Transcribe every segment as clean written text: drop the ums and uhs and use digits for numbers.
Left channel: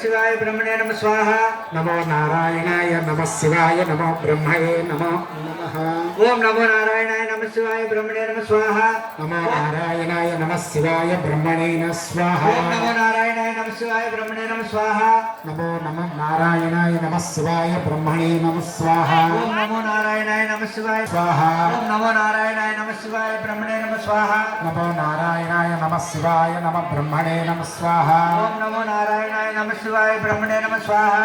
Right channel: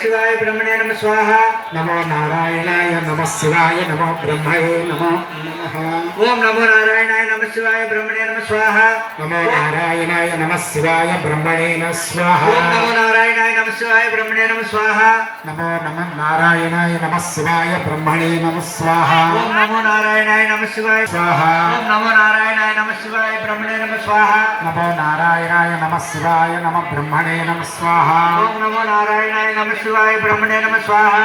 शिवाय ब्रह्मणे नमः स्वाहा नमो नारायणाय नमः शिवाय नमो ब्रह्मणे नमो नमः ओम नमो नारायणाय नमः शिवाय ब्रह्मणे नमः स्वाहा नमो नारायणाय नमः शिवाय ब्रह्मणे नमः स्वाहा ओम नमो नारायणाय नमः शिवाय ब्रह्मणे नमः स्वाहा नमो नमः नारायणाय नमः शिवाय ब्रह्मणे नमः स्वाहा ओम नमो नारायणाय नमः शिवाय स्वाहा ओम नमो नारायणाय नमः शिवाय ब्रह्मणे नमः स्वाहा नमो नारायणाय नमः शिवाय नमः ब्रह्मणे नमः स्वाहा ओम नमो नारायणाय नमः शिवाय ब्रह्मणे नमः स्वाहा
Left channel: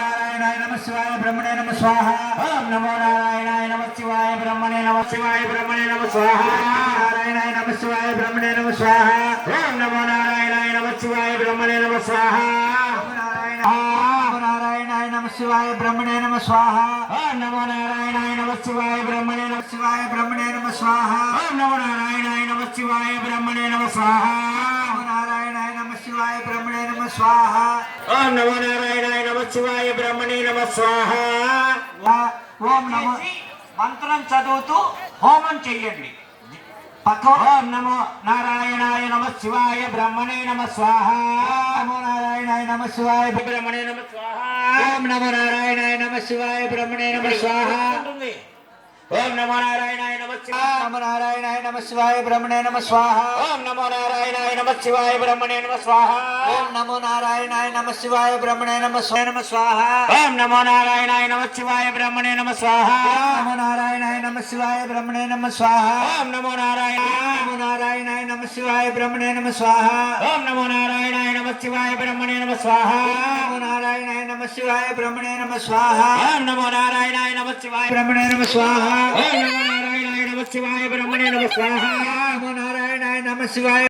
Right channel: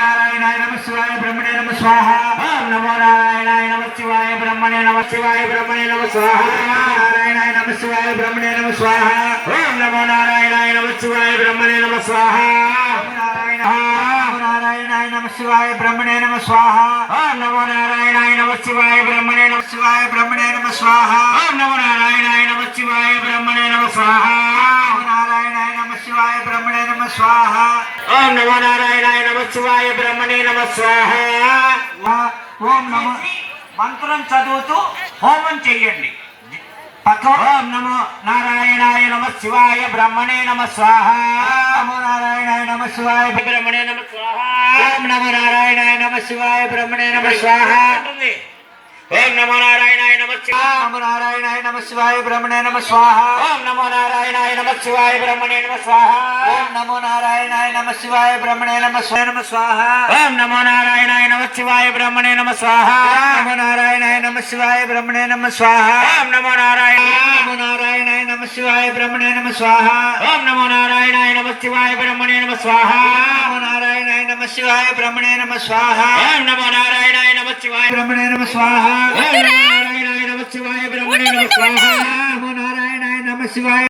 नारायणाय नमः शिवाय ब्रह्मणे नमः स्वाहा ओम नमो नारायणाय नमः शिवाय ब्रह्मणे नमः शिवाय ब्रह्मणे नमः स्वाहा नारायणाय नमः शिवाय ब्रह्मणे नमः स्वाहा ओम नमो नारायणाय नमः शिवाय ब्रह्मणे नमः स्वाहा नारायणाय नमः शिवाय ब्रह्मणे नमः स्वाहा ओम नमो नारायणाय नमः शिवाय ब्रह्मणे नमः शिवाय ब्रह्मणे नमः स्वाहा ओम नमो नारायणाय नमः शिवाय ब्रह्मणे नमः स्वाहा नारायणाय नमः शिवाय ब्रह्मणे नमः स्वाहा ओम नमो नारायणाय नमः शिवाय ब्रह्मणे नमः स्वाहा ఓం నమో మంత్రం చదువుతూ హోమం చెయ్యండి ఓం నమో నారాయణాయ నమః శివాయ బ్రహ్మణే నమః స్వాహ నమో నారాయణాయ నమః శివాయ బ్రహ్మణే నమః స్వాహ ఓం నమో నారాయణాయ నమః శివాయ బ్రహ్మణే నమః స్వాహ ఓం నమో నారాయణాయ నమః శివాయ నమో నారాయణాయ నమః శివాయ బ్రహ్మణే నమః స్వాహ ఓం నమో నారాయణాయ నమః శివాయ బ్రహ్మణే నమః స్వాహ ఓం నమో నారాయణాయ నమః శివాయ బ్రహ్మణే నమః స్వాహ ఓం నమో నారాయణాయ నమః శివాయ బ్రహ్మణే నమః స్వాహ నమో నారాయణాయ నమః శివాయ బ్రహ్మణే నమః స్వాహ ఓం నమో నారాయణాయ నమః శివాయ బ్రహ్మణే నమః స్వాహ ఓం నమో నారాయణాయ నమః శివాయ బ్రహ్మణే నమః స్వాహ నమో నారాయణాయ నమః శివాయ బ్రహ్మణే నమః స్వాహ ఓం నమో నారాయణాయ నమః శివాయ బ్రహ్మణే నమః స్వాహ ఓం నమో నారాయణాయ నమః శివాయ బ్రహ్మణే నమః స్వాహ నమో నారాయణాయ నమః శివాయ